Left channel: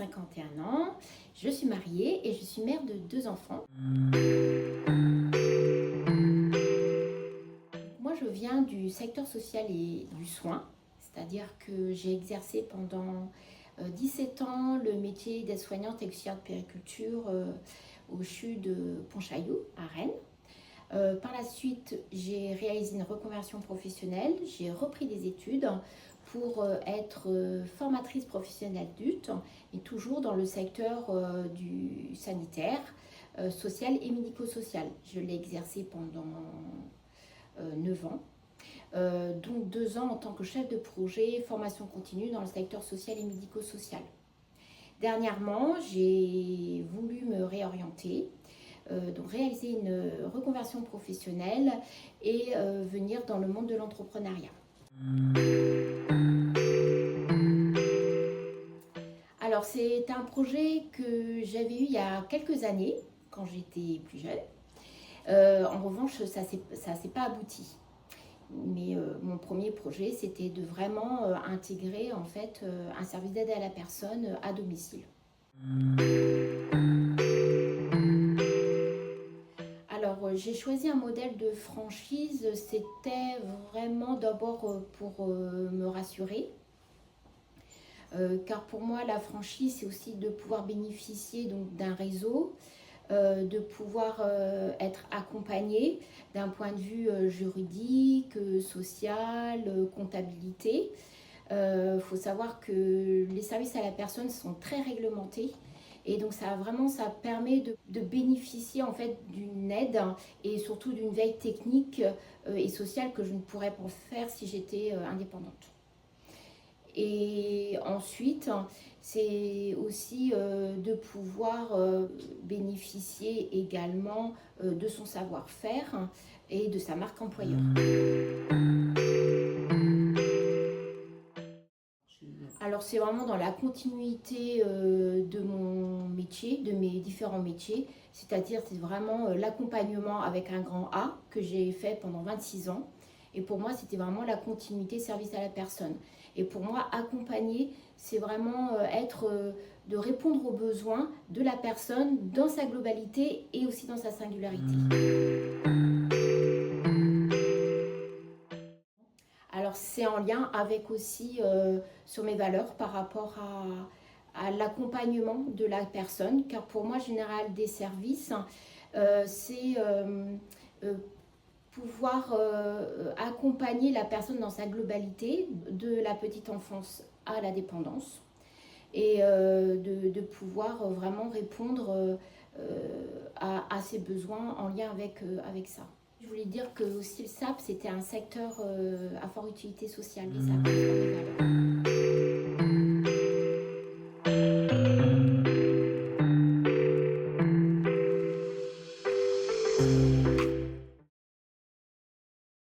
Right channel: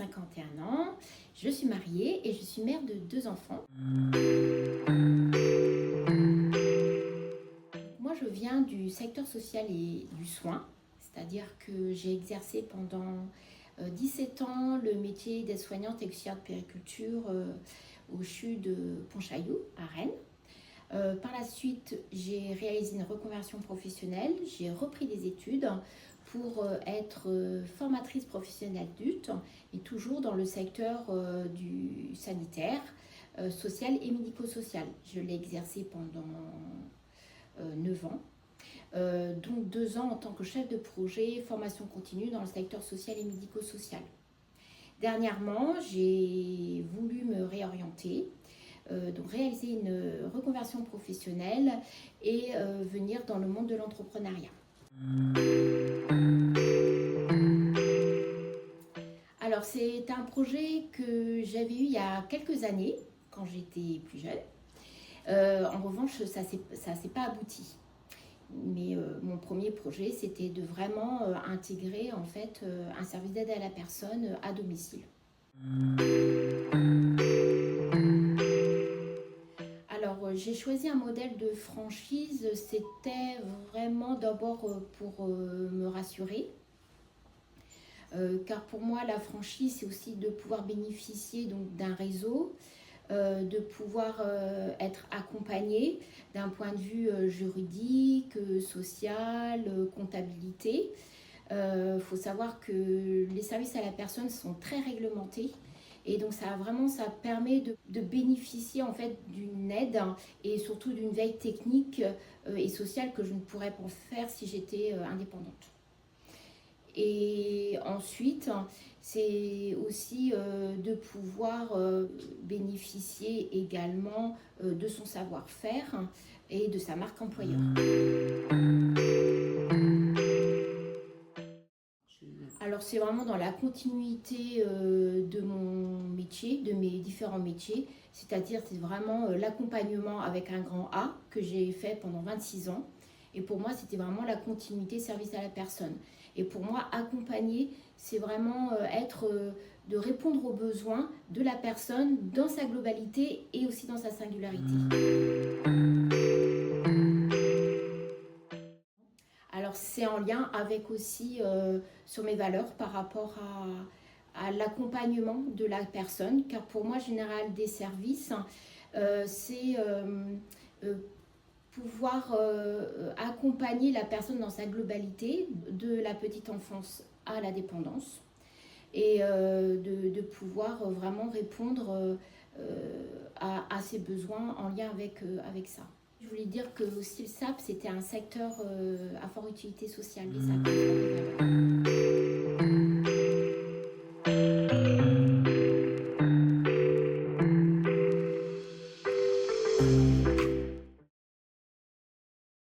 51 ans, je suis mariée et je suis mère de 2 enfants. Moi, je viens du secteur social et du soin, c'est-à-dire que j'ai exercé pendant 17 ans le métier d'aide-soignante et auxiliaire de puériculture au CHU de Pontchaillou, à Rennes. Par la suite, j'ai réalisé une reconversion professionnelle, j'ai repris des études pour être formatrice professionnelle adulte, et toujours dans le secteur du sanitaire, social et médico-social. Je l'ai exercé pendant 9 ans. Donc 2 ans en tant que chef de projet formation continue dans le secteur social et médico-social. Dernièrement, j'ai voulu me réorienter, donc réaliser une reconversion professionnelle et venir dans le monde de l'entrepreneuriat. Alors c'est un projet que j'avais eu il y a quelques années, quand j'étais plus jeune. En revanche, ça s'est pas abouti. Mais mon premier projet, c'était de vraiment intégrer en fait un service d'aide à la personne à domicile. Alors j'ai choisi un modèle de franchise, c'était vraiment d'abord pour me rassurer. Car pour moi, la franchise, c'est aussi de pouvoir bénéficier donc d'un réseau, de pouvoir être accompagné d'un point de vue juridique, social, comptabilité. Faut savoir que les services à la personne sont très réglementés. Et donc ça permet de bénéficier en fait d'une aide et surtout d'une veille technique et sociale que je ne pourrais pas faire si j'étais indépendante. Et ensuite, c'est aussi de pouvoir bénéficier également de son savoir-faire et de sa marque employeur. Alors c'est vraiment dans la continuité de mon métier, de mes différents métiers, c'est-à-dire c'est vraiment l'accompagnement avec un grand A que j'ai fait pendant 26 ans. Et pour moi, c'était vraiment la continuité service à la personne. Et pour moi, accompagner, c'est vraiment de répondre aux besoins de la personne dans sa globalité et aussi dans sa singularité. Alors c'est en lien avec aussi sur mes valeurs par rapport à l'accompagnement de la personne, car pour moi, Général des services, c'est pouvoir accompagner la personne dans sa globalité, de la petite enfance à la dépendance, et de pouvoir vraiment répondre à ses besoins en lien avec ça. Je voulais dire que aussi le SAP, c'était un secteur à forte utilité sociale, et ça correspond à mes valeurs.